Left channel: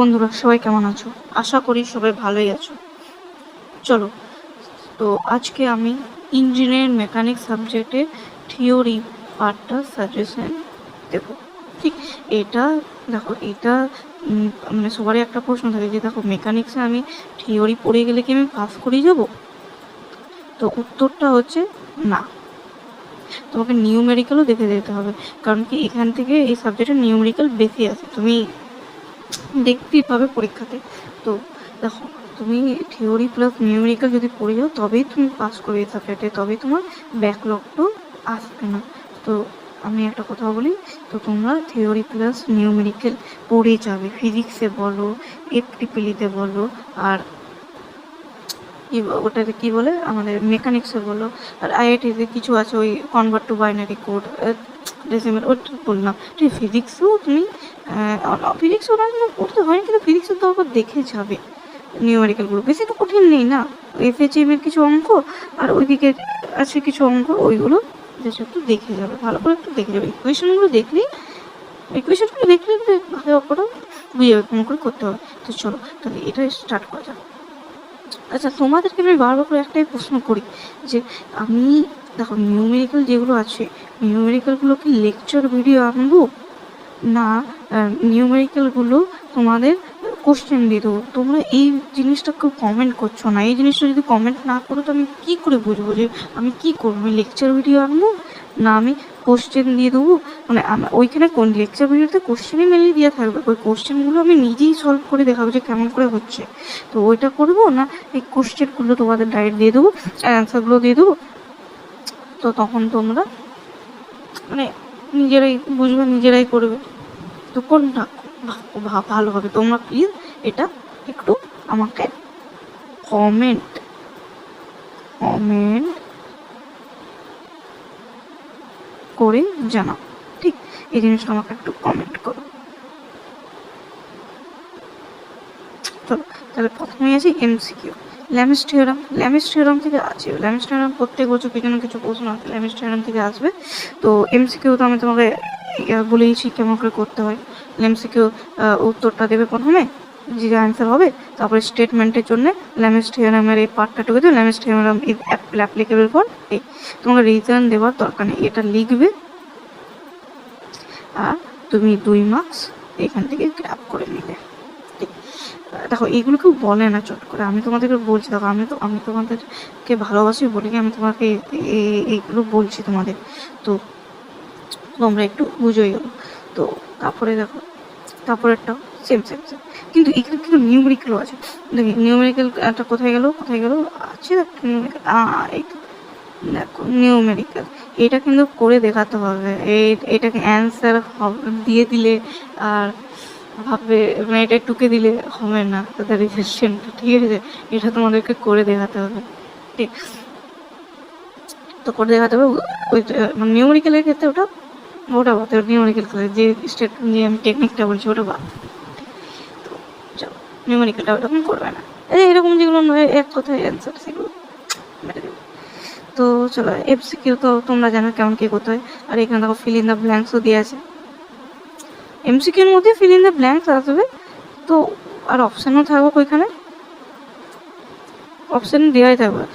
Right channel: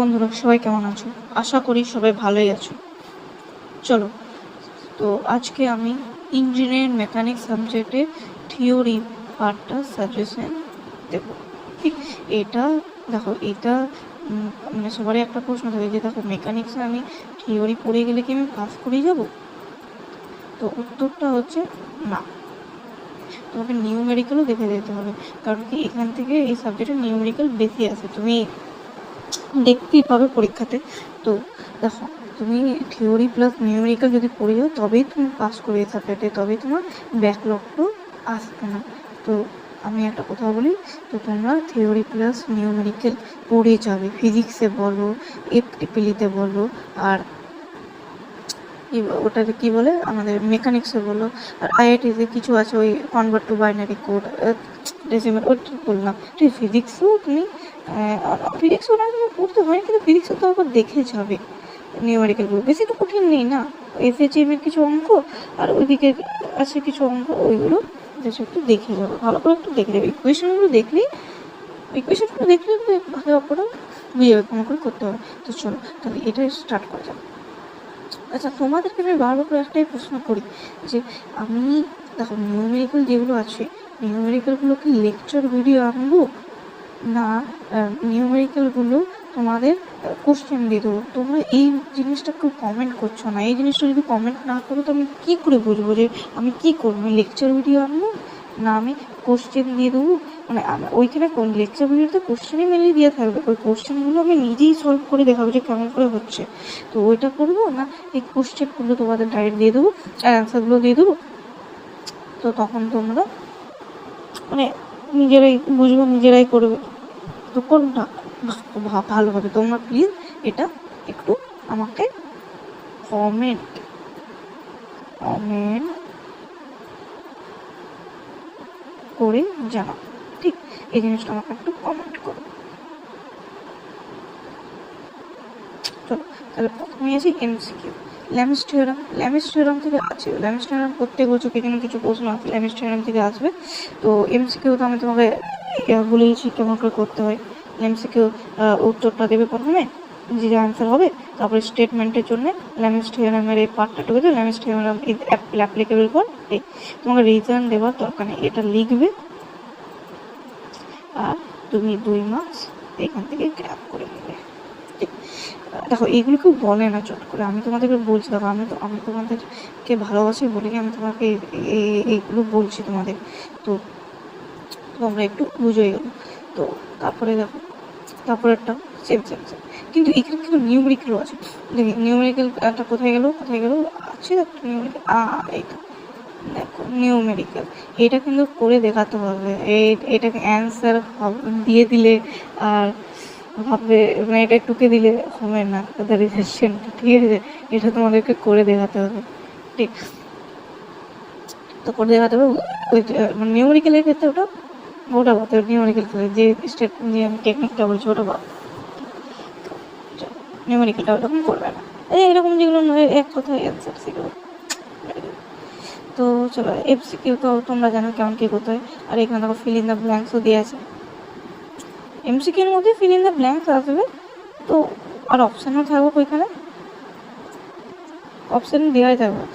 বন্ধুরা, সবাই কেমন আছো? আশা করি সবাই ভালোই আছো। চলো, তো আজকে আমি ইঞ্জিনিয়ারিং মেকানিক সাবজেক্টের থিওরি পার্টটা সাজেশন দেব। ঠিক, এটা দেখো, এটা মানে সবারই একটা প্রশ্ন থাকে যে দেখো, মেকানিক্সে আমি থিওরি পড়ে গেলে কি আমি পাস করে যাব? তো উত্তরটা হচ্ছে না। তোমাকে নিউমেরিক্যালও দেখে যেতে হবে, কারণ কি এখান থেকে এই সাবজেক্টের নিউমেরিক্যাল বেশি আছে, তুমি দেখতেই পাবে পরীক্ষাতে। তো দেখো, তুমি থিওরি প্লাস নিউমেরিক্যাল যদি পড়ে যাও তবেই তুমি পাস করবে এই সাবজেক্টে, তবেই তোমার ব্যাকলগটু আসবে না। তো আমি একটা কথা বলি, তো তোমরা থিওরি প্লাস নিউমেরিক্যাল পড়ে যাবে, ফিজিক্সে বলো, এপিলিতে বলো, আর ওটাতে কি বলে আমাদের মেকানিক্সে বলো, আর আইআইটিতে কিছু আছে ওই convert to binary code, decimal, ওটা বললাম। ঠিক, ফিজিক্সেও তুমি ফিজিক্সও তুমি পড়তে হয়, কিন্তু ফিজিক্সে তো আবার দেখে যাবে নিউমেরিক্যালগুলো, বেশি তো কঠিন নেই না। এফএচএম এর কিছু অঙ্ক আর ওইদিকে আছে কিছু অঙ্ক, ওইগুলো জাস্ট একটু দেখে যাবে, ভালো করে একটু দেখে যাবে। ইকুয়েশনগুলো দেখলেই ভালো করে বুঝে যাবে কেমন করে করতে হবে। তো চলো, তাহলে এটা স্টার্ট করা যাবে। আচ্ছা, তোমাদেরকে আমি বারবার করে একটাই প্রশ্ন করি যে আমি, দেখো, নিউমেরিক্যাল যেগুলো আছে, নিউমেরিক্যালগুলোকে লেকচার ভিডিও আনবো, না নিউমেরিক্যালগুলো তোমাদের কোশ্চেন দিয়ে দেবো? তোমরা এই জিনিসটা কেউ কমেন্ট করছো না। এই জিনিসটা যদি কমেন্ট না করো তো আমি কী করে বুঝবো যে আমি কী করবো? আমি লেকচার ভিডিও আনবো, না আমি কোশ্চেন দিয়ে দেবো? মানে ওইখানে কোন লেকচার ভিডিওতে কোশ্চেনই মেনলি দেওয়া থাকবে, ওই কোশ্চেনগুলো আমি নিজেই সলভ করে দেখাবো যে কেমন করে হচ্ছে। তো ওইটা করবো, না এই কোশ্চেনগুলো তোমাদের ডাইরেক্ট দিয়ে দেবো আর অ্যান্সারগুলো দিয়ে দেবো? তো তখন তোমরা মানে নিজেরাই বুঝবে, নিজেরাই করবে। তো কোনটা ভালো হবে? তোমরা প্লিজ এটা একটু আমাকে কমেন্ট কমেন্ট করে জানাও। ঠিক, এই জিনিসটা আমাকে একটু কমেন্ট করো। চলো, তাহলে প্রথমে আছে এমসিকিউ। ল্যামিস থিওরাম থেকে আছে। ল্যামিস থিওরাম প্রত্যেক বছর কিছু না কিছু প্রশ্ন আছে ল্যামিস থিওরাম থেকে আসবে। তো এমসিকিউ তো আমি তোমাকে বলেইছি কেমন করে করতে হয়। এমসিকিউ উত্তরটা দেবে প্রথমে, যে অ্যান্সার হবে, তারপরে স্টেটমেন্টের জন্য ল্যামিস থিওরামের এই পার্টটা ঢুকেছে, Lami's theorem is applicable for A. তোমাকে রিজন দেওয়ার দরকার নেই, এটা লিখবে আর তুমি 2 মার্কস এখান থেকে গ্র্যাব করে নিবে। ঠিক, দেখো, এগুলো কেউ বলে না চট করে, আমি তোমাদেরকে বলছি। দেখো, আমি তোমাদেরকে ভালোবাসি বলি, আমি তোমাকে এইগুলো বলছি তোমাদের। তো তোমরা একটু বুঝোই গেলো। তো তারপরে দেখো, তারপরেরটাও সেম সেম সেম, কিন্তু এখানে কিন্তু নিউমেরিক্যালও আছে। নিউমেরিক্যালটা কোথায় গেল আছে নিউমেরিক্যাল, এই তো দেখো নিউমেরিক্যাল। এটা কিন্তু করে দেখাতে হবে, এটাকে অ্যান্সার দিয়ে দিলে আর ভাববে মানে এটা টুকে দিলে হবে না, তাদের রিজেকশনটা। ঠিক আছে, এটা তোমাদেরকে করে দেখাতে হবে। ঠিক, তো করে দেখাতে হবে। ওই নিউমেরিক্যালের ক্ষেত্রে ওটা বাদ, নিউমেরিক্যাল যে স্টেপ, যে আমি টেকনিকটা বলছি ওটা বাদ। তো চলো, নিউমেরিক্যালটা ওরকম করবে না, এরকম যেগুলো নয় এক কথায় অ্যান্সার, সেগুলো মেরে দেবে। তো চলো, এমসিকিউ তো তোমরা জানো কেমন কী করতে হয়। আর এখানে দেখো ফিল ইন দ্য ব্ল্যাঙ্কসও দিয়ে আছে। এমসিকিউর মধ্যে ফিল ইন দ্য ব্ল্যাঙ্কস আসবে, তো আর অপশানও থাকবে ওইখানে, অপশান দেওয়াই থাকবে।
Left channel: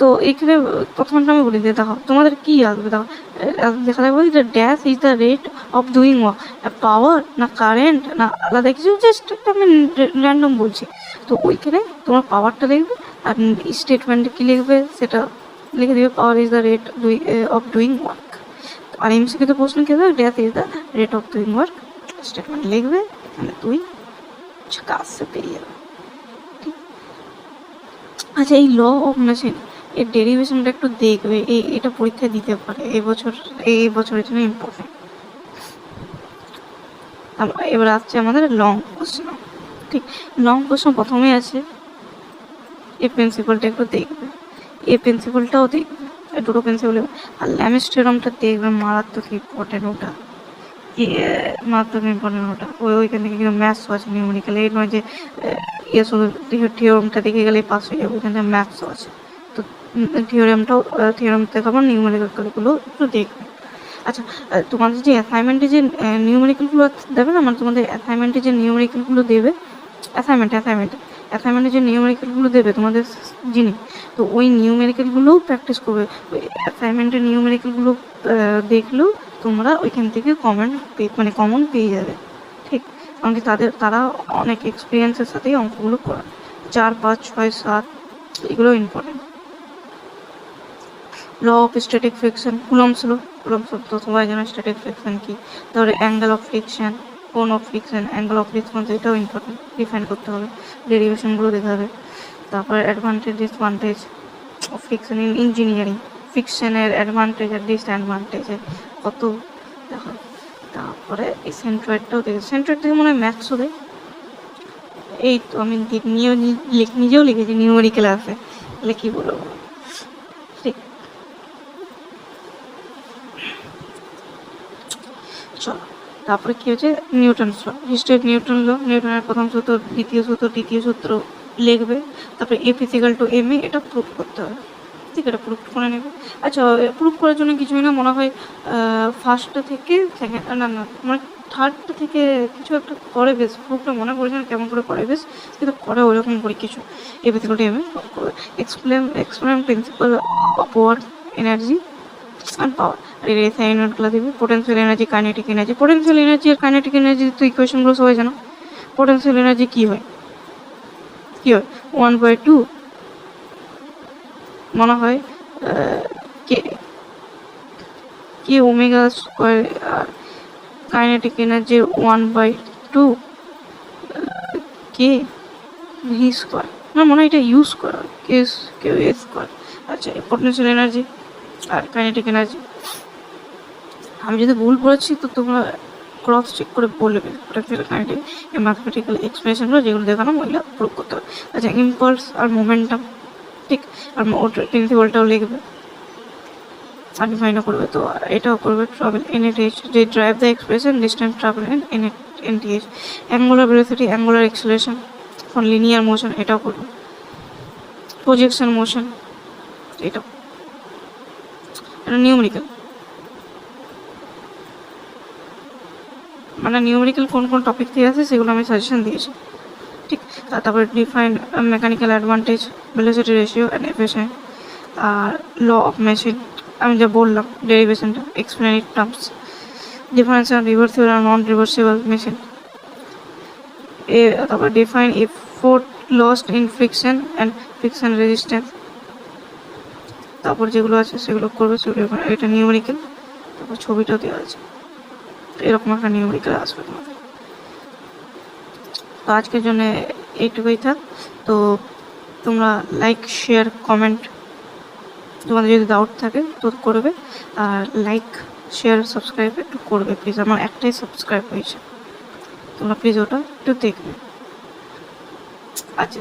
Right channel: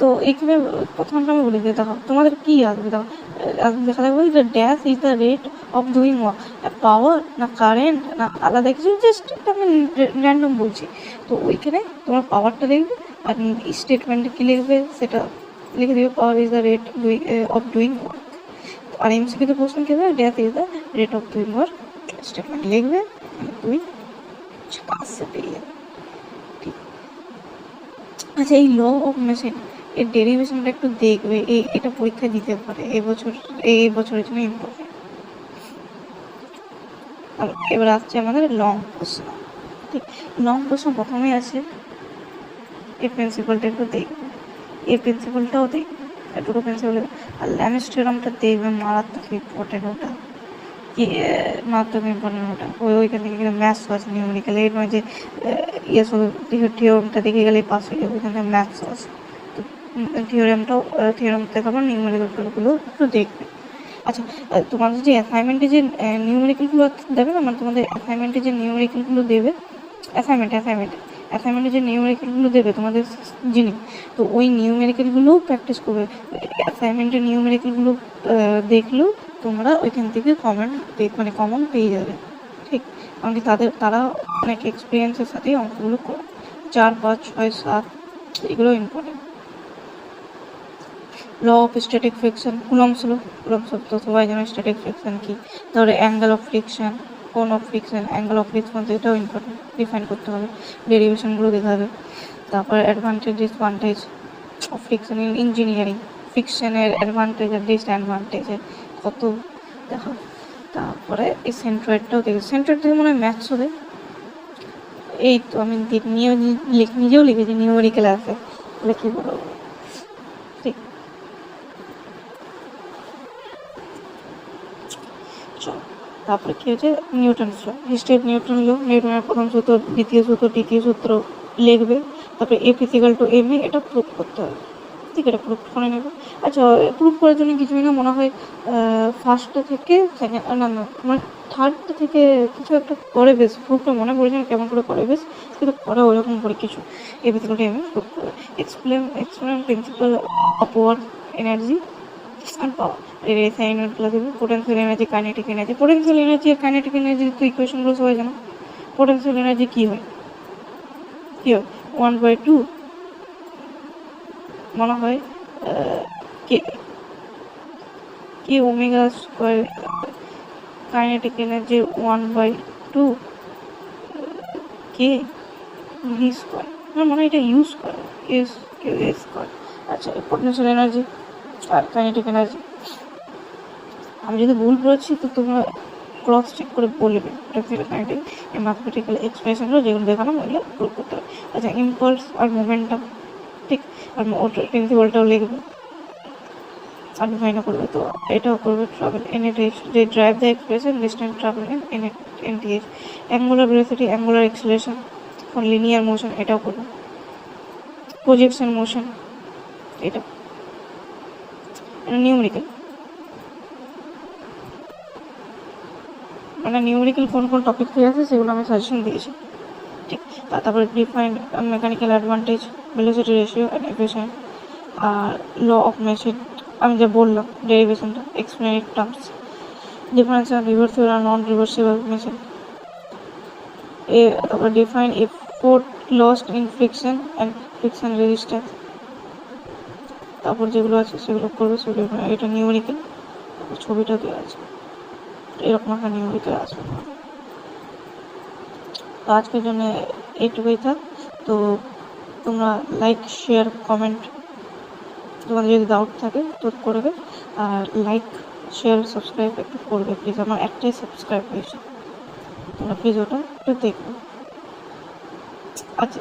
তো এখানে প্রথমটা আমি বলে দিয়ে দেখো তোমাদের কী আসবে। দেখো দেখা যাবে যে dash is the rate of doing power, না কারেন্ট, না আলাদা কিছু, জাস্ট একটা আমি র্যান্ডম বলছি। তো ওইখানে তোমার পাওয়ারটা লিখবে, আর স্টেটমেন্টে কী লিখবে সেটা লিখে দেবে, power is the rate of doing work. আর এমসিকিউতে প্রশ্ন কী হবে, dash is the rate of doing work, statement লিখবে, মানে তুমি কাজ সে পেয়ে যাবে। আচ্ছা, এই ল অফ মেশিন এর ডেরিভেশনটা একটু দেখবে, এটা পরীক্ষায় দিতে পারে এই বছরের জন্য ইম্পর্টেন্ট। এবার আসছে আমাদের লং প্রশ্ন। ঠিক, লং প্রশ্ন প্রথমে আছে এই প্রিন্সিপালটা একটু দেখবে, এই প্রিন্সিপালটাও দেখবে, দুটো প্রিন্সিপাল। আর ল্যামিস থিওরামটা দেখবে, মারাত্মক ইম্পর্টেন্ট ওটা, মারাত্মক ইম্পর্টেন্ট ওটা। ওইখান থেকে কিন্তু ম্যাথসও আছে, নিউমেরিক্যাল। এই নয় যে শুধু থিওরামটা দেখে গেলেই পাস হয়ে যাবে, ওইখানে ম্যাথসও আছে। তো থিওরাম থেকে আবার নিউমেরিক্যালগুলো একটু দেখবে। আচ্ছা, তোমাদের যে অ্যাসাইনমেন্টে যে নিউমেরিক্যালগুলো দেবে না, মানে তোমাদের অ্যাসাইনমেন্টে যে নিউমেরিক্যালগুলো দেবে, অ্যাসাইনমেন্টে যে নিউমেরিক্যালগুলো দেবে তোমাদের যিনি, তো ওই নিউমেরিক্যালগুলোও প্র্যাকটিস করবে। অ্যাসাইনমেন্টের নিউমেরিক্যালগুলো দেখলেও তোমরা ওইখান থেকে কমন পেয়ে যাবে। ঠিক, কারণ কি তারা অনেক এক্সপিরিয়েন্সের সাথেই অঙ্কগুলো করে। 4, 5, 6, 7 এগুলো important. Law of static friction, Coulomb's law, তো সবাই জানো স্ট্যাটিক ফ্রিকশন কি। তারপরে অ্যাঙ্গেল অফ ফ্রিকশন, কোণ of friction, angle of repose, এটাও ইম্পর্টেন্ট, ডিফাইন করতে হবে, ডেরিভেশনগুলো দেখতে হবে। তারপরে advantage disadvantage of friction in engineering, ফ্রিকশনের অ্যাডভান্টেজ আর ডিসঅ্যাডভান্টেজে কত দেখো। তারপরে এই সেন্ট্রয়েডটাও দেখে, সেন্ট্রয়েড থেকে মনে হয় ম্যাথসও দেয়। এই তো আমি নিজেও লিখেছি নিউমেরিক্যাল আছে, মানে কি বলবো। ঠিক, চলো তারপরে কি হচ্ছে নিউটনস ল, হিস্ট্রি নিউটনের প্রথম সূত্র, দ্বিতীয় সূত্র, তৃতীয় সূত্র লিখবে। তারপরে এ ফিজিক্যাল টু এম এ, এটা প্রুফ করতে হবে। ঠিক আছে, প্রুফ করে নেবে। আচ্ছা, প্রুফ করার জন্য কিছুই না, মনে হয় ফার্স্ট থেকে সেকেন্ড, না মানে থার্ডটা থেকে কিছু একটা করে বেশ, প্রুফটা মনে পড়েছে না কেমন করে করে বেশ, কিন্তু করে ওইরকম করে কিছু। A physical to M A proof করবে। Explain principle of work energy and power. আর এই সেকেন্ড ক্লাসে potential energy, kinetic energy. Potential energy আর কাইনেটিক এনার্জি তো ইকুয়েশনগুলো সবাই জানো। পোটেনশিয়াল এনার্জি কি হয় 1/2 মনে হয় কে কে ওমেগা স্কোয়ার, আর kinetic energy 1/2 K V square, না মনে হয় এটা ইউজ করা কে এ স্কোয়ার। আচ্ছা, পোটেনশিয়াল এনার্জি আর কাইনেটিক এনার্জি আমি যদি ভুল পড়েছি তো তোমরা ক্রস চেক করে বলবে। ম্যাথমেটিক্যাল এক্সপ্রেশনগুলো যেগুলো দেখানো ওইগুলো প্রুভ করতে হবে। আচ্ছা, ইম্পালস আর মোমেন্টাম, ঠিক, আর ওটার প্রিন্সিপালটাও লিখবে আর ডিফাইনও করবে। তো এটাও করবে ট্রাভেল এনএটিএইচ, যে drive the expression distance travel in NTH. Angular velocity, angular acceleration for linear motion, এটাও করবে। প্রজেকশন মোশন, এটা নিউমেরিক্যাল, মানে নিউমেরিক্যাল কোন কোন টপিক থেকে আছে সেগুলো আমি সাজেশন দিয়েছি। ঠিক, তারপরে define mechanical advantage, velocity ratio and efficient, আর ল অফ মেশিন আমি যা বললাম ডেরিভেশনটা, explain it terms, difference on reversible and non reversible machine. তারপর define effort lost in friction and friction resistance. তারপর যেগুলো আছে সেগুলো করবে, সেগুলো এটা নিউমেরিক্যাল। তারপর ছবিটাও দেওয়া আছে, এরকম একটা নিউমেরিক্যাল আসবে তোমাদের। তো আজকের জন্য এইটুকুই থাক। তো তোমরা লাইক, শেয়ার, কমেন্ট, তোমাদের যদি ডাউট থাকে তো করবে। আর লাইক, শেয়ার, সাবস্ক্রাইব একটু করবে প্লিজ, আমার একটাই সাবস্ক্রাইব হয়েছে, তোমরা প্লিজ ওটা একটু দেখবে। আচ্ছা।